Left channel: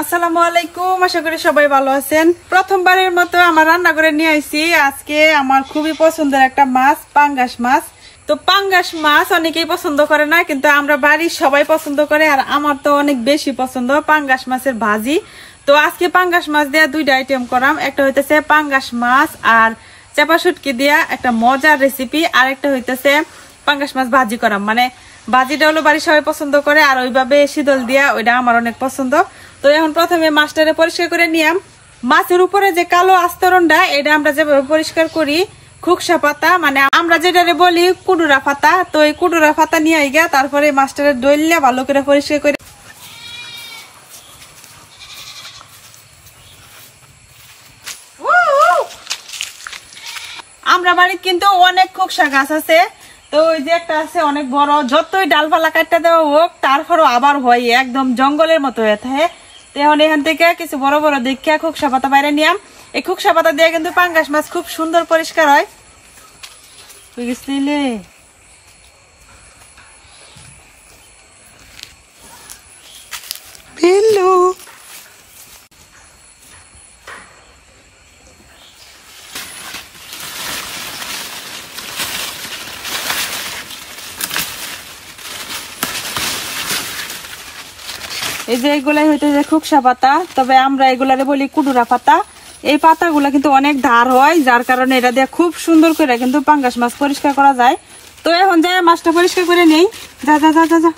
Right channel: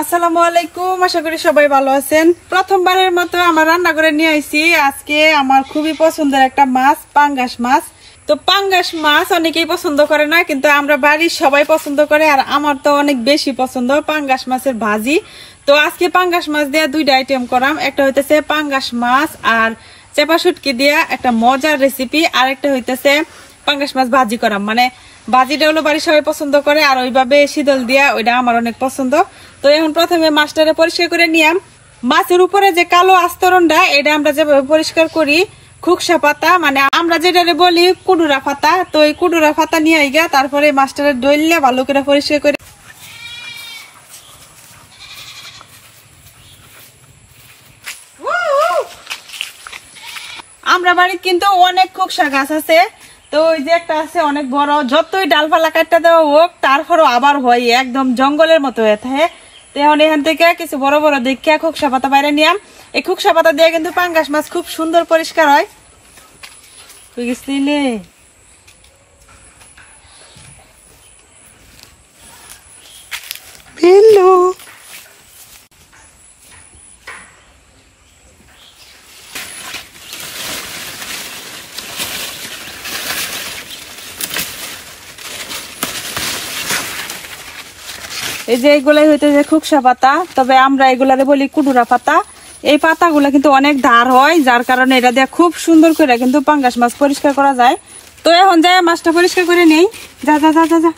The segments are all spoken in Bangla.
আসসালামু আলাইকুম, আশা করি সবাই ভালো আছেন। প্রথমবারের মতো আমার রান্না করে নিয়ে আইছি আজকে আমার খুবই পছন্দের একটা মাছ, পাঙ্গাস মাছ। তো পাঙ্গাস মাছ অনেকেই পছন্দ করে না, কিন্তু আমরা বাড়ির সবাই পছন্দ করে, আর আমার তো অনেক বেশি পছন্দ পাঙ্গাস মাছের ভাজি। তো আজকে পাঙ্গাস মাছ দিয়া দুইটা আইটেম করাম, একটা হইতেছে পাঙ্গাস মাছ আর চেপা শুটকি দিয়া একটা মজার রেসিপি, আর একটা হইতেছে পাঙ্গাস মাছ ভাজি করাম। মানে ভাজিটা হলো বাড়ির সবাই পছন্দ করে, আর ওইভাবে শীতল দিয়া ওইটা আমার অনেক পছন্দ। তো এখন প্রথমে মাছটারে পরিষ্কার করে নিয়াম। মাছের উপরে যে কালো আস্তরণটা, এটা আমরা যেভাবে পরিষ্কার করি খুকসা পাতা, মানে আমরা যেটারে বলি কুডুরা পাতা, তো এই কুডুরা পাতা নিয়ে আইগা তারপরে মাছটারে ডইলে ভালো করে পরিষ্কার করে। আমরা বাড়িতে কিন্তু অনেক খুকসা গাছ আছে, তো ওই যে একটা আছে অনেক বড়, যতই ডালপালা কাটতে দেওয়া হোক তারপরও আবার হয় একদম জঙ্গলের মতো হয়ে থাকে। এখন এখান থেকে কিছু বড় বড় দেখে খুকসা পাতা বাইরে নিয়াম। এই খুকসা পাতা দিয়ে কিন্তু পাঙ্গাস মাছ খুব সুন্দর পরিষ্কার হয়। বুঝছিলে? বিল্লু এই যে এগুলাই হইতেছে খুকসা পাতা, তবে আমরা এগুলারে বলি কুডুরা পাতা। এই পাতাগুলা কিন্তু অনেক ধার হয়, যার কারণে এটা দিয়ে খুব সুন্দর করে কিন্তু পাঙ্গাস মাছ পরিষ্কার করা যায়। তো এখন যাই মাছটা পরিষ্কার করে নেই। যা যা যা যা যা।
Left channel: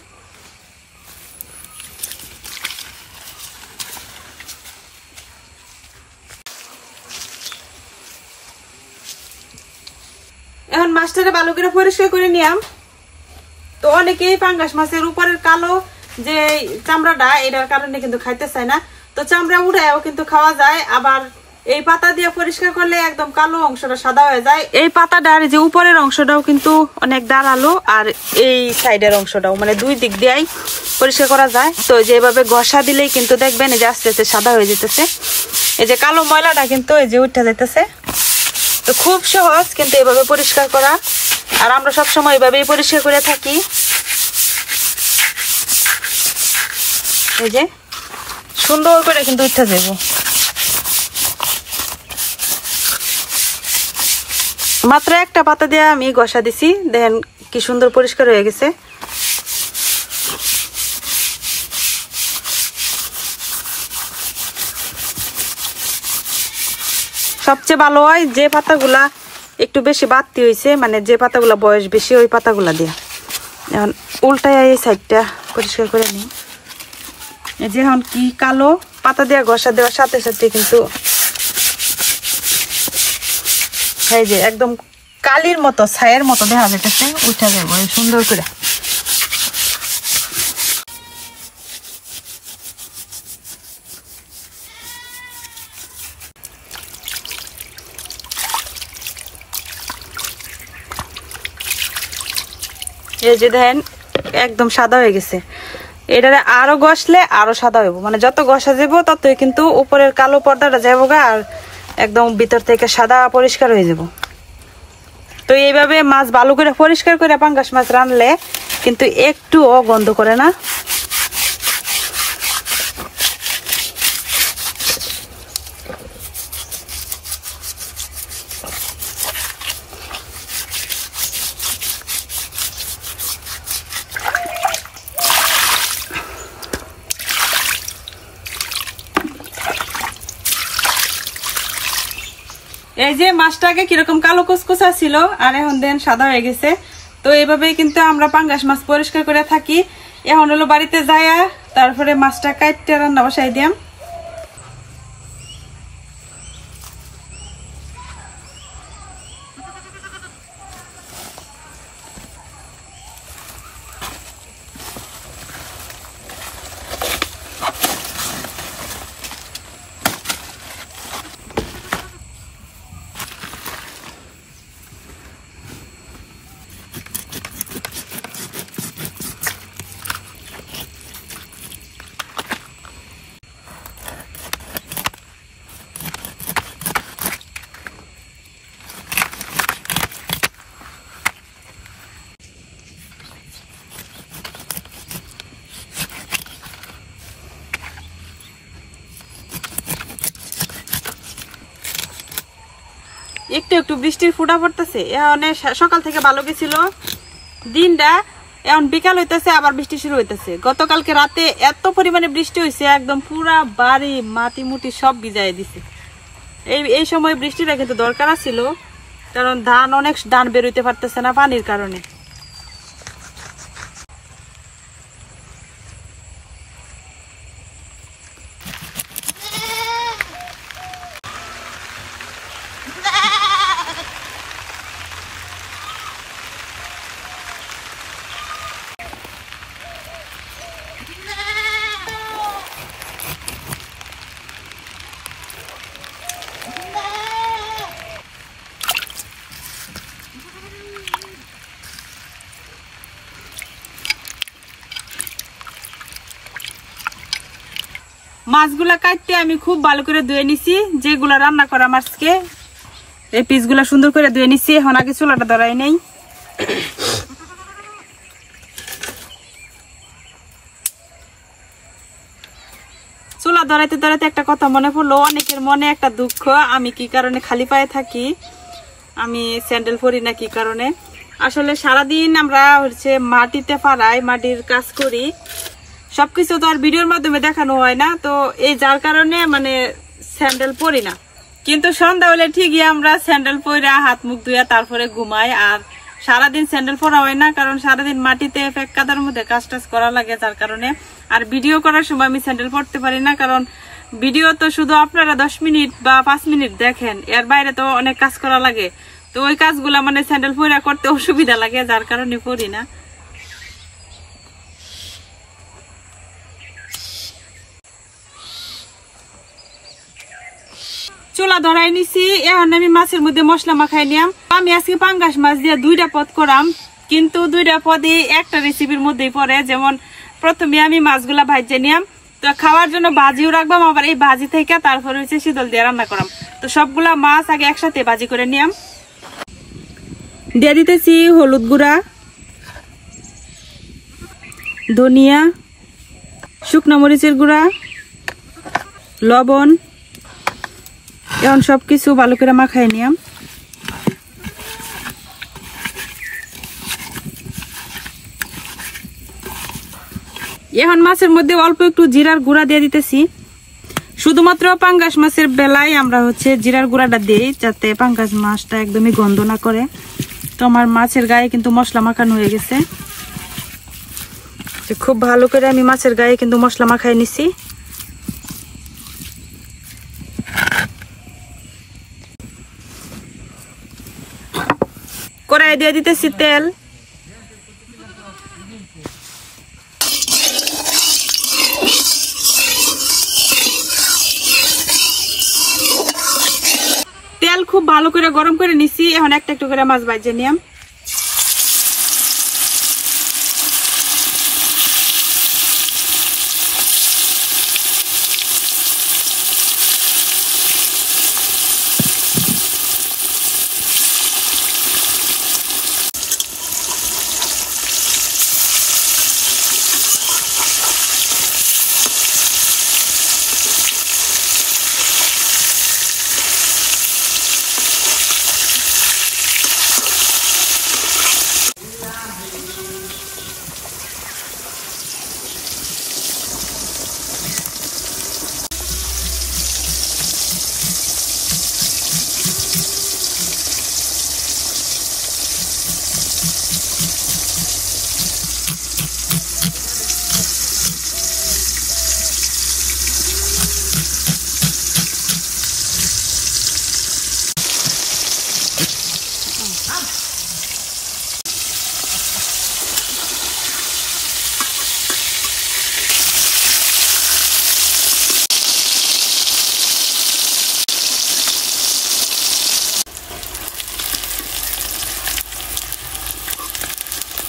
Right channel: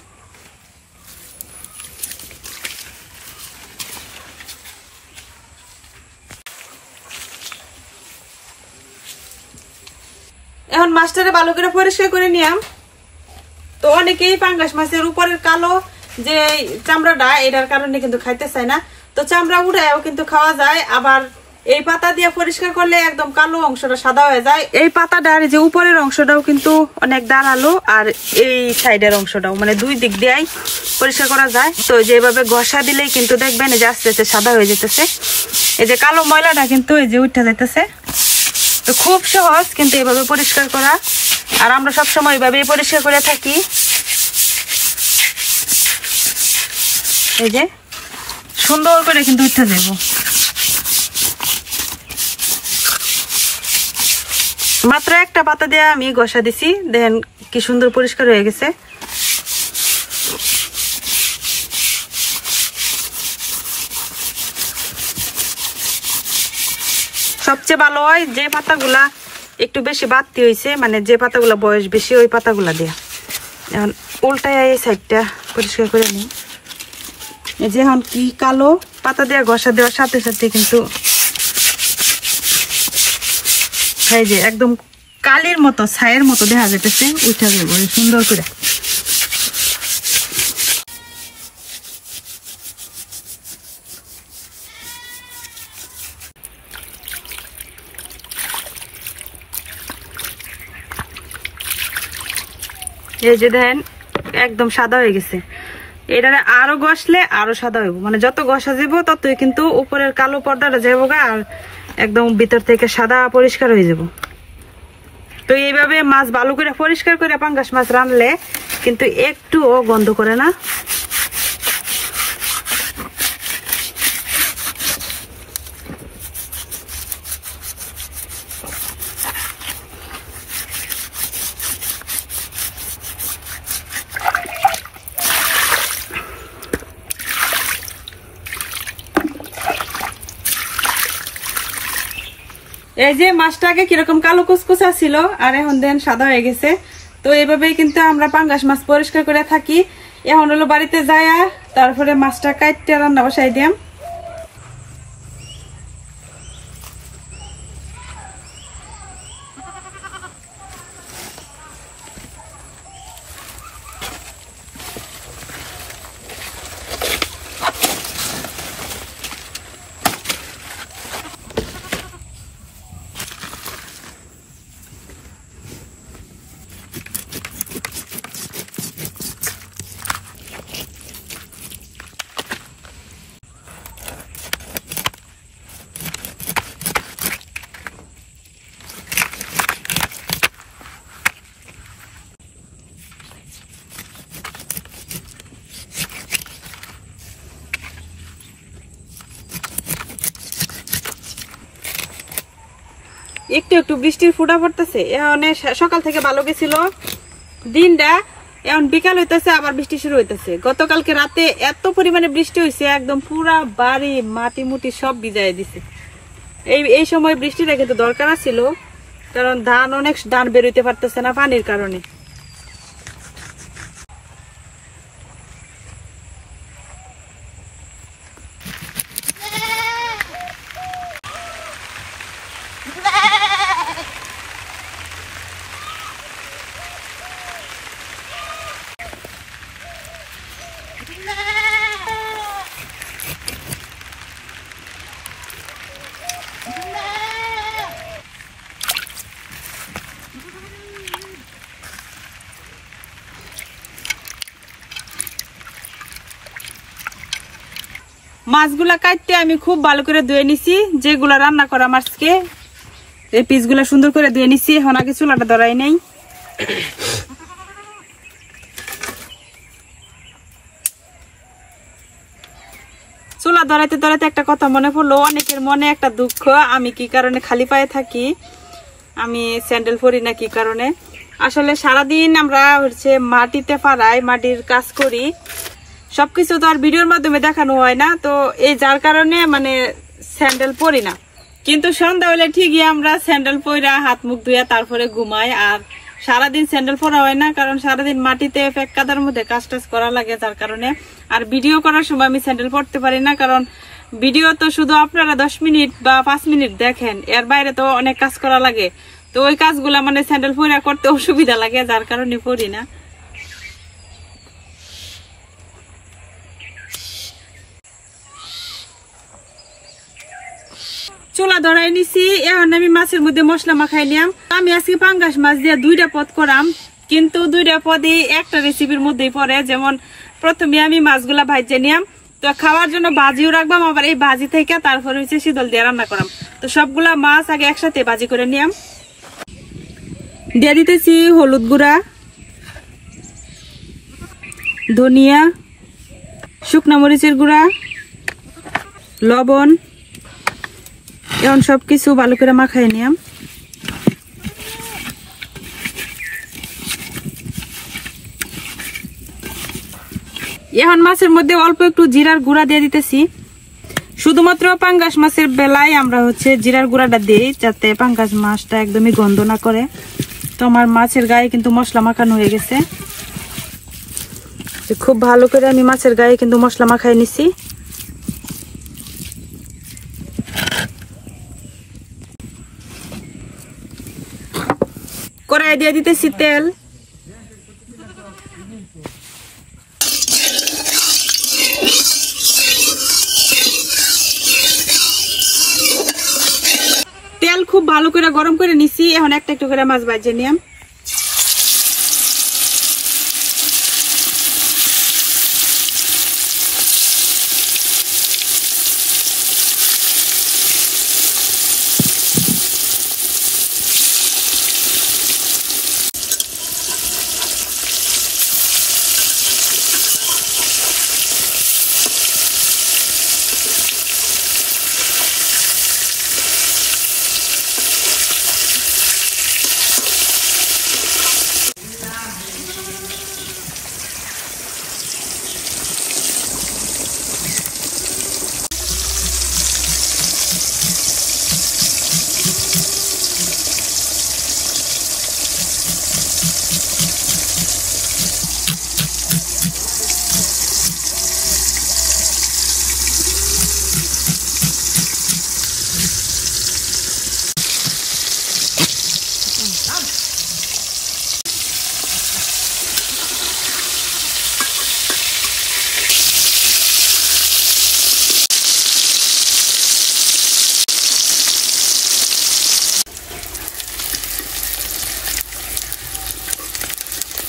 এখন মাছটারে ভালো করে পরিষ্কার করে নিয়াম। তো অনেকেই পাঙ্গাস মাছের উপরের কালো যে চামড়াটা, এটার কারণে কিন্তু খাইতে চায় না। তো চামড়া উঠায়ও কিন্তু খাওয়া যায়, আবার এই পাতা দিয়ে পরিষ্কার করলে একদম কালো অংশটা সাদা হয়ে যায়। এই পাতাটার যে উপরের অংশটাও কিন্তু অনেক দাঁড়ালো, আর এই সাইডের অংশটাও, মানে দুই দিক দিয়েই পরিষ্কার করা যায়। তো যেভাবে ঘষা দিলেই কিন্তু দেখবেন এই যে আস্তে আস্তে সাদা হয়ে যেতেছে, এই যে কালো ময়লাটা কিন্তু এই যে উঠে যেতেছে। তো খুব সহজ কিন্তু এভাবে পরিষ্কার করা, আর আমরা সবসময় এভাবেই পরিষ্কার করে থাকি। এই যে সুন্দর করে কিন্তু উঠে যাব। মাত্র একটা পাতা দিয়ে আমি ঘষা দিছি, দেখেন কি সুন্দর পরিষ্কার হয়ে গেছে। সবচেয়ে ভালো হয় যে পাতাগুলা একটু বেশি বাড়তি হয়েছে, মানে যে পাতাগুলা বয়স বেশি, ওই পাতাগুলা দিয়ে। এখন উল্টায় এই সাইডটা পরিষ্কার করে নিই। এই যে এখন কি কালো পাতা দিয়ে ঘষা দেওয়ার সাথে সাথে কিন্তু এই যে একদম কালির মতো, ছায়ের মতো দেখা যেতেছে, উঠা যাবো সুন্দর করে। এই যে দেখেন একদম সাদা হয়ে গেছে। এটারে আরো ঘষলে আরো সাদা হইব, মানে যত ঘষা যাব ততই কিন্তু উপরের কালো পর্দাটা যাবো, আর একদম ভিতর থেকে সাদা পরিষ্কার হয়ে যাব। তো এইভাবে মাছ ভালো করে পরিষ্কার করে পাঙ্গাস মাছ রান্নলে কিন্তু একটুও গন্ধ করে না। এই যে মাছটাকে কিরকম কালো কুচকুচা ছিল, আর এখন দেন সাদা হয়ে গেছে। তো এইভাবেই কিন্তু আমরা পাঙ্গাস মাছ পরিষ্কার করে থাকি। এখন হলো বাড়িতে যাইয়া তারপরে মাছটা কাটতে রান্না বসাই দিয়াম। একটু একটু বৃষ্টির ফুটা পড়তেছে। এখন সকাল থেকে ভালো গেছিল দিনটা, এখন বিকাল হইতেছে আবার বৃষ্টি শুরু হইতেছে। গতকালকে রাতে এত পরিমাণে বৃষ্টি হয়েছে, একদম পুরা বাড়ি মাটি মুটি সব ভিজাই দিছে। এই সময় বৃষ্টিটা কিন্তু দরকার ছিল, কারণ অনেক ধান বেরোইতে পারতেছে না পানির কারণে। মাছগুলা কাটতে আমি খুব ভালো করে ধুয়ে নিছি, যেগুলা রান্না করা মাছকে এই পিসগুলা সুন্দর করে ধুয়ে নিছি। এখন আগে চুলাটা ধরাই নেই। চুলা ধরাইতে ধরাইতে একটা কথা মনে পড়লো, অনেকের মনে একটা দুঃখ, আমি কি কারণে খালি পায়ে থাকি, আমি স্যান্ডেল পরি না কি কারণে। আসলে সারাদিন আমরা হচ্ছে মাটিতে পাড়াই, মাটির কাজ করি, সবকিছু তো আর ভিডিওর মাধ্যমে দেখানো হয় না, তো এই যার কারণে মানে স্যান্ডেল পরি না। কিন্তু সন্ধ্যা হলে ঠিকই আমরা স্যান্ডেল পরা হাত মুখ ধুয়া তারপরে ঘুমাই। আর সারাদিন স্যান্ডেল পরা হয় না, কারণ সারাদিন মাটিতে ফেক কাদার মধ্যে কাজ টাজ করা লাগে, যার কারণে। আর ভিডিও করার সময় আমি স্যান্ডেল পরতে পারি না, কারণ ভিডিও তো শুধু আপনারা 10 মিনিট বা 5 মিনিট দেখেন, এর বাইরে তো অনেক কাজ করা লাগে। তো ওই কাজগুলা মানে স্যান্ডেল পরা করতে অসুবিধা লাগে, যার কারণে পরি না। চুলা ধরাই নিছি, এখন আমি মাছের মধ্যে মশলা মাখাই নিয়াম। আমি আজকে পাঙ্গাস মাছ দিয়ে 2টা পদ করাম, কিন্তু 2টা পদই একটা রেসিপির মধ্যেই পড়ে। যেমন প্রথমে আমি মাছগুলা ভাজে নিয়াম, তো খাওয়ার জন্য ভাজিও রাখবাম, আবার এই ভাজি থেকে তারপরে হচ্ছে শীতল দিয়ে রান্না করাম। তো সবগুলা মাছ আগে একসাথে ভাজি করে নিয়াম। দিয়ে দিতেছি হলুদ গুঁড়া, ধনিয়া, শুকনা মরিচের গুঁড়া, লবণ। এখন সবকিছু ভালো করে মাখাই নিয়াম। এখন মাছের মধ্যে অল্প একটু জিরার গুঁড়া দিয়ে দিতেছি। শুধুমাত্র পাঙ্গাস মাছের বেলায় আমরা হচ্ছে জিরার গুঁড়াটা দিই, যাতে পাঙ্গাস মাছটা একদমই গন্ধ না করে। তো আমার মাছের গায়ে কিন্তু মশলা মাখানো হয়ে গেছে, খুব ভালো করে আমি মাছের গায়ে কিন্তু মশলা মাখাই নিছি। কড়াই দিয়ে দিতেছি তেল, তেল খুব ভালো করে গরম করে নিছি। এখন একটা একটু করে মাছ ভাজে নিয়াম।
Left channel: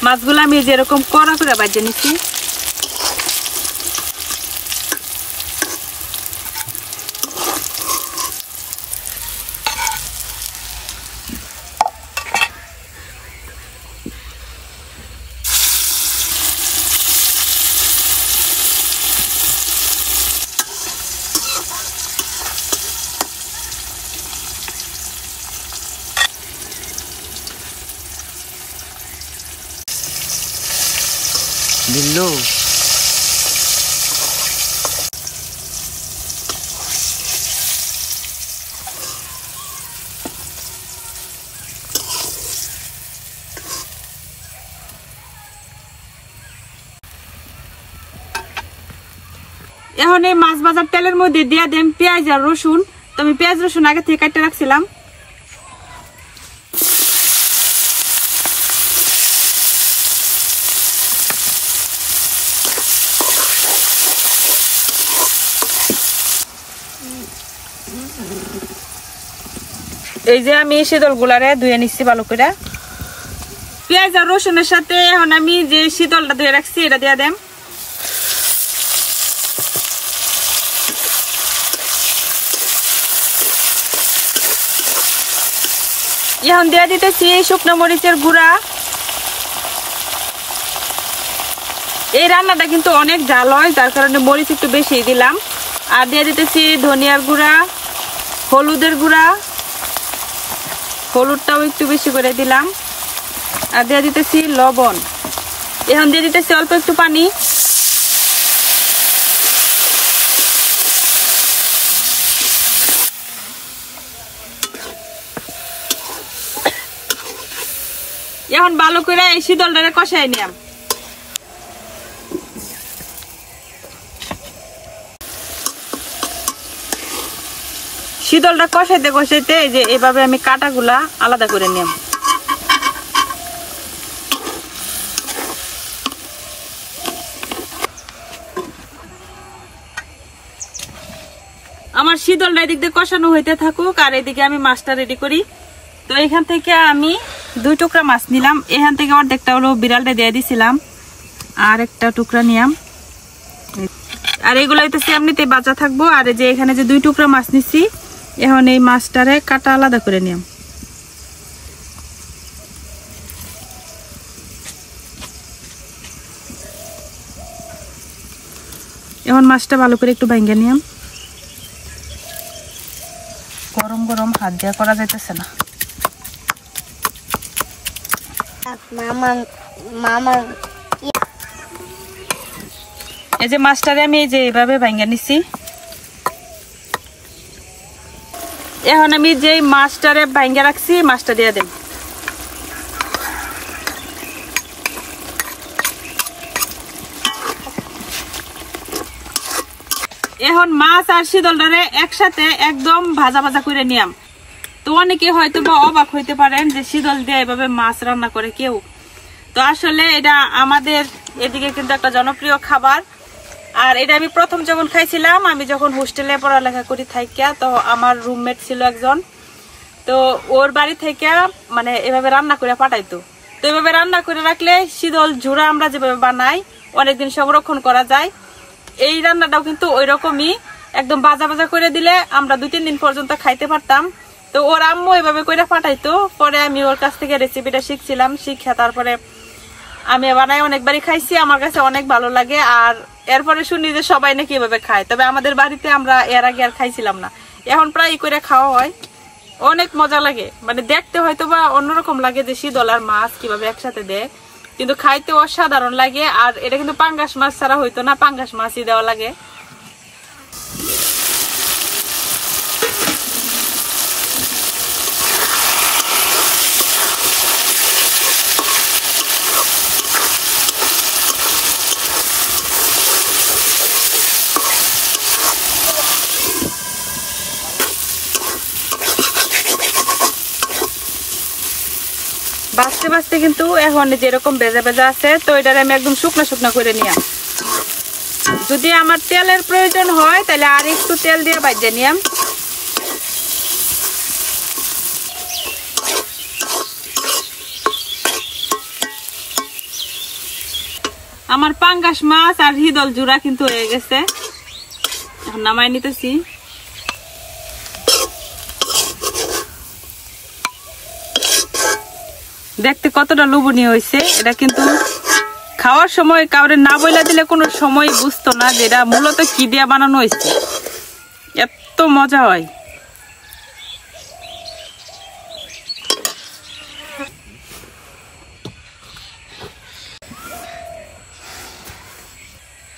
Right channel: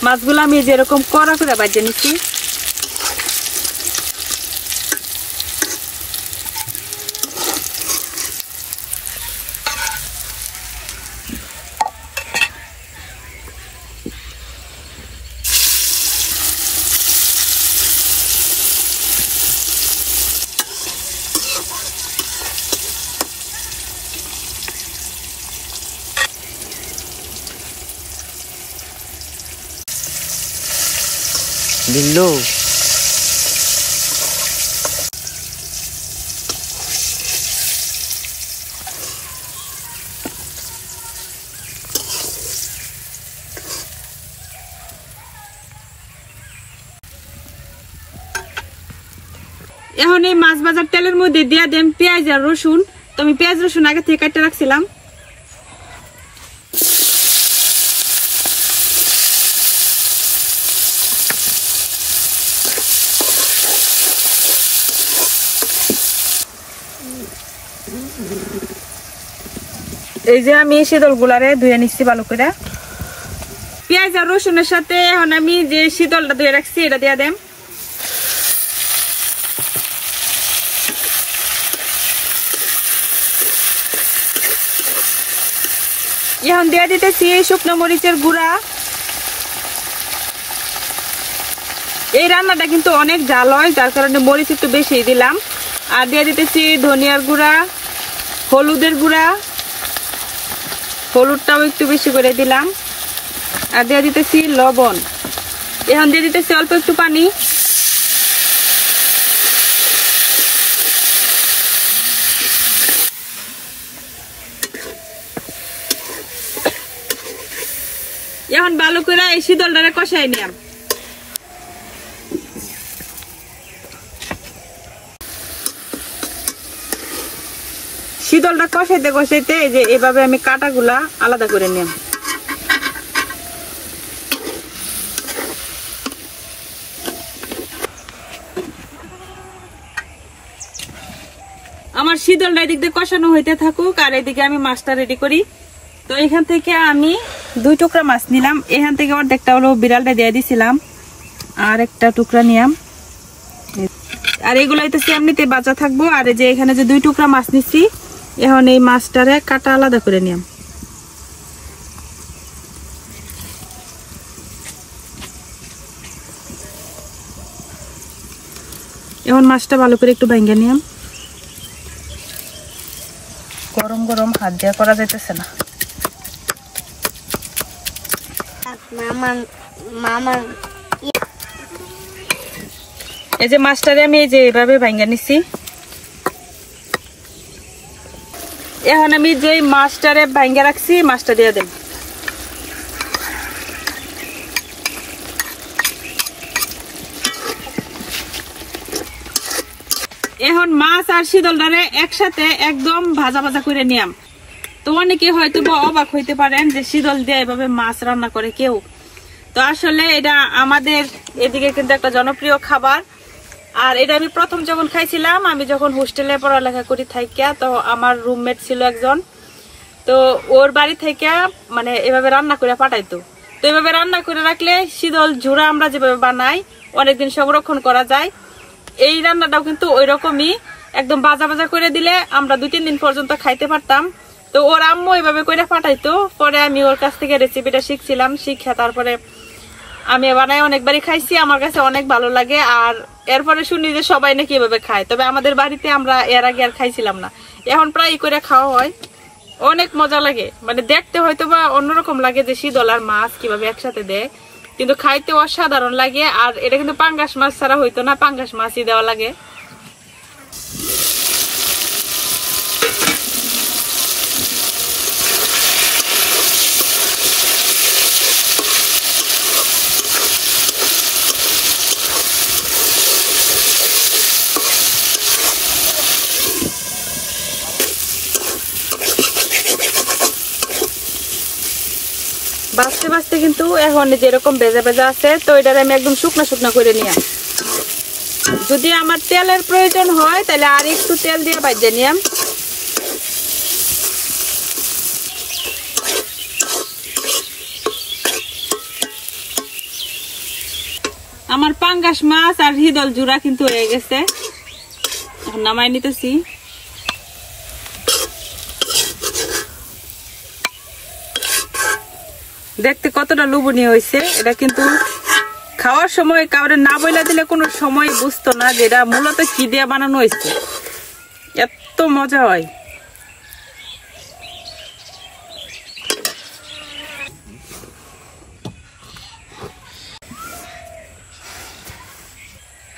মাছগুলো আমি যেরকম কড়া করে ভাজে নিচ্ছি। বিল্লু এখন এই মাছ ভাজার তেলের মধ্যে দিয়ে দেন পেঁয়াজ আর রসুন। তো আমি পেঁয়াজ রসুন আগে থেকে কেটে রাখছিলাম। এই যে আমি শীতল গুলারে ধুয়ে নিচ্ছি ভালো করে। পেঁয়াজ আর রসুনের সাথে এখন আমি যে শীতলটা ধুয়ে রাখছি এটা দিয়ে দেন। এখন দিয়ে দিতেছি শুকনো মরিচের গুঁড়া। এই রান্নাটা কিন্তু অনেক ঝাল হয়, যার কারণে মরিচ একটু বেশি দিলাম। আর দিয়ে দিতেছি ধনিয়ার গুঁড়া, হলুদের গুঁড়া, হলুদটাও একটু বেশি করে দিলাম। আর দিয়ে দিতেছি লবণ। এখন দিয়ে দিতেছি অল্প একটু পানি। এখন ভালো করে এই শীতলটারে কষাই নিলাম। শীতলটা কষাইতে কষাইতে এই যে এভাবে আমি কাটাগুলা আলাদা করে নিলাম। আমার শীতলটা এদিক দিয়ে কষানো হইতে থাকুক আর এদিকে আমি মাছটা রেডি করি। তো এখান থেকে আমি 2 টুকরা মাছ নিলাম। এখান থেকে অর্ধেকটা হলো বিড়ালটা দিয়ে দিছিলাম, আর একটা টুকরা নিলাম। আর এগুলো হইতেছে এমনিতে বাঁচা থাকবো। আর এই যে এখানে যে 2 টুকরা মাছ নিচ্ছি, এখন এই মাছটারে কাটা আলাদা করে নিলাম। এখন মাছটা ভালো করে একটু ভেঙে নিলাম। গরম গরম হাত দিয়ে করা যাইতেছে না। এই যে মাছটারে আমি এই যে এভাবে ভাঙা নিছি। এখন আমি যে মাছটারে ভাঙা রাখছি মাছটা দিয়ে দেব। এখন মাছ আর শীতলটারে একসাথে একদম ভাজা ভাজা করে নিয়াম। তো অনেকে হয়তো বা অবাক হইতে পারেন যে শীতল দিয়ে এভাবে মাছ রান্না করে কেউ। তো আসলে এটা আমাদের এদিকে কিন্তু একটা জনপ্রিয় খাবার। আর এটা আমি প্রথম যখন খাইছিলাম, আমি যখন হোস্টেলে পড়ালেখা করি থাইকা, তো আমার রুমমেট ছিল একজন, তো ওর বাড়ি থেকে মানে এভাবে রান্না করে পাঠাইতো। তো এভাবে রান্না করে রাখলে শীতল ঝুরা আমরা যেভাবে বানাই অনেকদিন সংরক্ষণ করা যায়। এই রান্নাটাও কিন্তু ওই রকমই, একদম ভাজা ভাজা করে দিলে আমরা 2-3 দিন পর্যন্ত খাইতে পারতাম। তো ওর আম্মু এভাবে করে পাঠাইতো। পরে আমি ওর কাছ থেকে রেসিপিটা শিখছিলাম, শিখা তারপরে আমি বানাই অনেকবারই খাইছি। আমার কাছে অনেক ভালো লাগে। আর এরপরে শুনি যে সবাই নাকি এভাবে খায়, তবে আমাদের বাড়িতে আমরা এর আগে আর খাইছিলাম না। এখন প্রায় করে খাওয়া হয়, অনেক মজা লাগে। মানে দেখতে হয়তো বা অন্যরকম লাগে যে শীতল আর মাছ কিভাবে একসাথে দেয়, কিন্তু খাইতে অসাধারণ লাগে। আর এটা কিন্তু পাঙ্গাস মাছ ছাড়া হইতো না, পাঙ্গাস মাছই দেওয়া লাগে। বাঁচতে বাঁচতে কিন্তু এখন যেরকম ভেজা ভেজা আছে, তো এটার আমি একদম শুকনো শুকনো করে নিলাম। যদি আমার তেলের প্রয়োজন হয় তাহলে আর একটু তেল দিয়ে ভাজে নিলাম। আমার পাঙ্গাস মাছ আর শীতল জুড়া কিন্তু হয়ে গেছে, এখন নামাই নিতেছি। দেখতে কতটা লোভনীয় হয়েছে। এটা কিন্তু খাওয়ার সময় কাউরে না বইলা দিলে কোনো সময় বুঝতো না যে এটা মূলত কি দিয়ে বানানো হয়েছে। এত মজা হয়।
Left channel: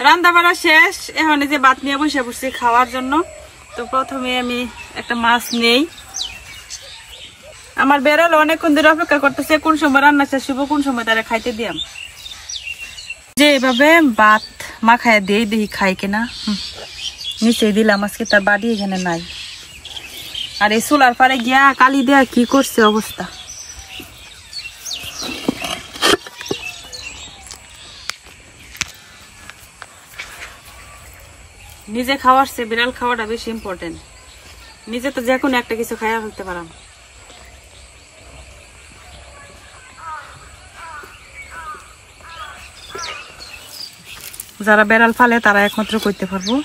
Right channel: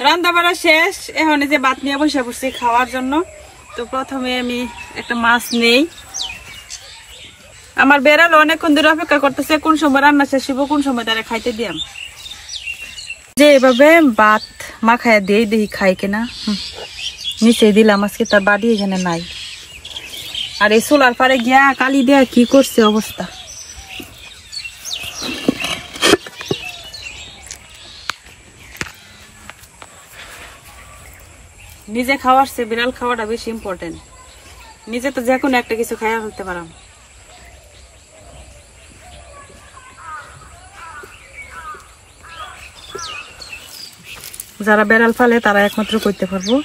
রান্না বাড়া শেষ, এখন যে ভাত নিয়ে বসে পড়ছি খাওয়ার জন্য। তো প্রথমে আমি একটা মাছ নেই। আমার বেড়াল অনেকক্ষণ ধরে অপেক্ষা করতেছে কোন সময় রান্না শেষ হইব, কোন সময় তারা খাইতে দিয়াম। যে এভাবে ভাত মাখায় দিয়ে দেখি খাই কিনা। নিচে দিলাম, আজকে তার বাড়ি এখানে নাই। আর এই চুলার পারে গিয়া কালি দেয়া কি করছে অবস্থা। নিজে খাওয়ার চেয়ে বিড়াল খাওয়াটা বেশি ইম্পর্টেন্ট। নিজে তো যে কোনো একটা কিছু খাইয়া ফেলতে পারাম। যারা বেড়াল ফালে তারা একমাত্র করতে পারবো,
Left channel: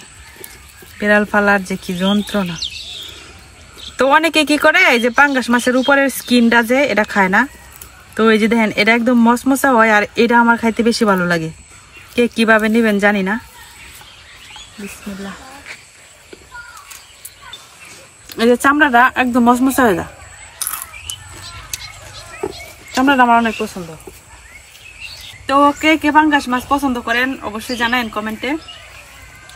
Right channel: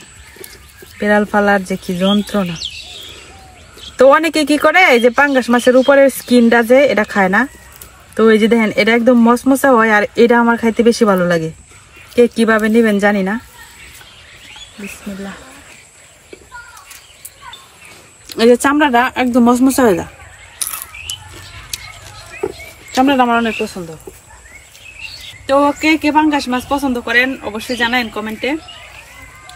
বেড়াল ফালার যে কি যন্ত্রণা। তো অনেকে কি করে, এই যে পাঙ্গাস মাছের উপরের স্কিনটা যে এটা খায় না। তো এই যে দেখেন এটা একদম মচমচা হয়, আর এটা আমার খাইতে বেশি ভালো লাগে। কে কিভাবে নিবেন জানি না। বিসমিল্লাহ। এই যে চামড়াটা একদম মচমচা হয়ে যায়, চামড়াটা আমার অনেক পছন্দ। তো কে কে পাঙ্গাস মাছ পছন্দ করেন অবশ্যই জানাবেন কমেন্টে।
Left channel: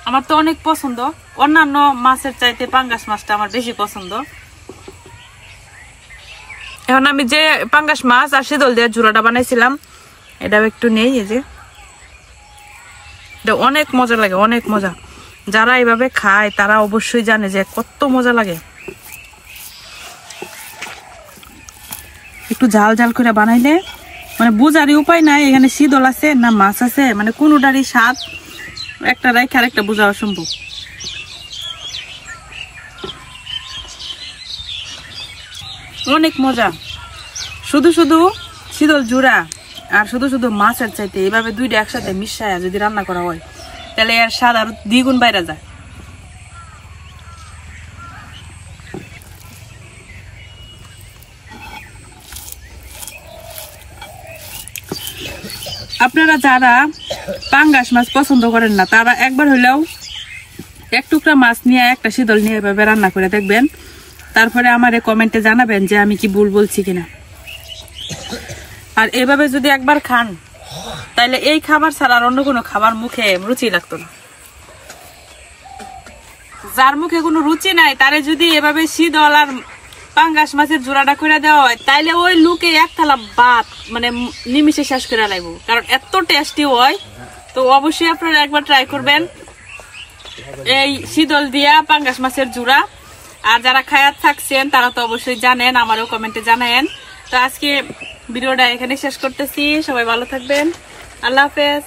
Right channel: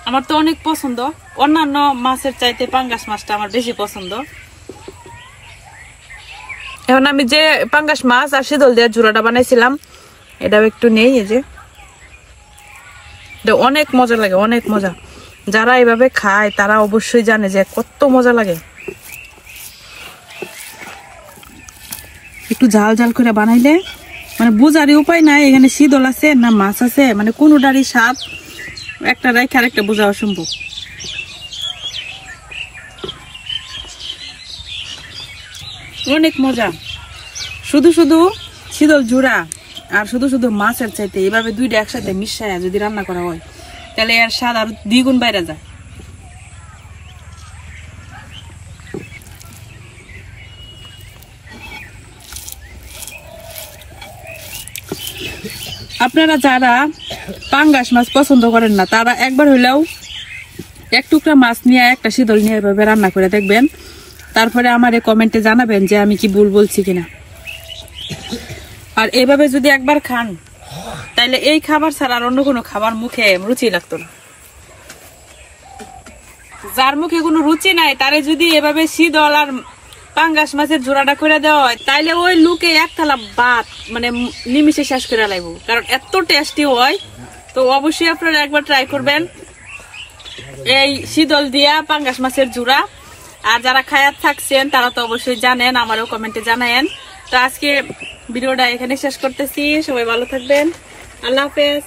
আমার তো অনেক পছন্দ, অন্যান্য মাছের চাইতে পাঙ্গাস মাছটা আমার বেশি পছন্দ। এখন আমি যে পাঙ্গাস মাছ আর শীতল দিয়ে ঝুড়াটা বানাইছিলাম, এটাও একটু নেই। এই যে এটা অনেক মজা লাগে, অনেক মজা। যারা এইভাবে খায় তারা অবশ্যই জানে যে কত মজা লাগে। একটু ঝাল ঝাল করে বানাইলে মানে বুঝারই উপায় নাই এখানে শীতল আছে না মাছ আছে, মানে কোনোটারই স্বাদ একটা রেখে আর একটা বোঝা অসম্ভব। অনেক মজা। শুধু শুধু শীতল জুড়া আর শুধু শুধু মাছের চাইতে এইভাবে দুইটা একসাথে মিশায়া যদি রান্না করা হয় তাহলে এর স্বাদ আরো দ্বিগুণ বাইরে যায়। আপনারা যারা পাঙ্গাস মাছ পছন্দ করেন না তারা একবার হইলেও এক টুকরা মাছ নিয়ে একটা শীতল নিয়ে এভাবে রান্না করে দেখবেন। তারপরে আমারে কমেন্টে জানাবেন যে আমি কি ভুল বলছি কিনা। আর এভাবে যদি একবার খান তাহলে এই খাবার ছাড়া আর অন্য কোনো খাবার মুখে রুচি লাগতো না। যার মুখে কোনো রুচি নাই তারে যদি এভাবে শীতল আর পাঙ্গাস মাছের জোড়াটা করে দেওয়া হয় তাইলে ওই লুকে এক থালা ভাত মানে নিমিশে শেষ করে লাগবো, কারণ এত টেস্টি হয়। তো অবশ্যই আপনারা একবার ট্রাই করবেন এই শীতল দিয়া পাঙ্গাস মাছের জোড়া। আর যারা খায়াত থাকছেন তারা তো অবশ্যই জানেন, আমারও কমেন্টে জানায়েন। তো আজকে ভিডিওটা এখানে শেষ করতেছি, সবাই ভালো থাকবেন, আল্লাহ হাফেজ।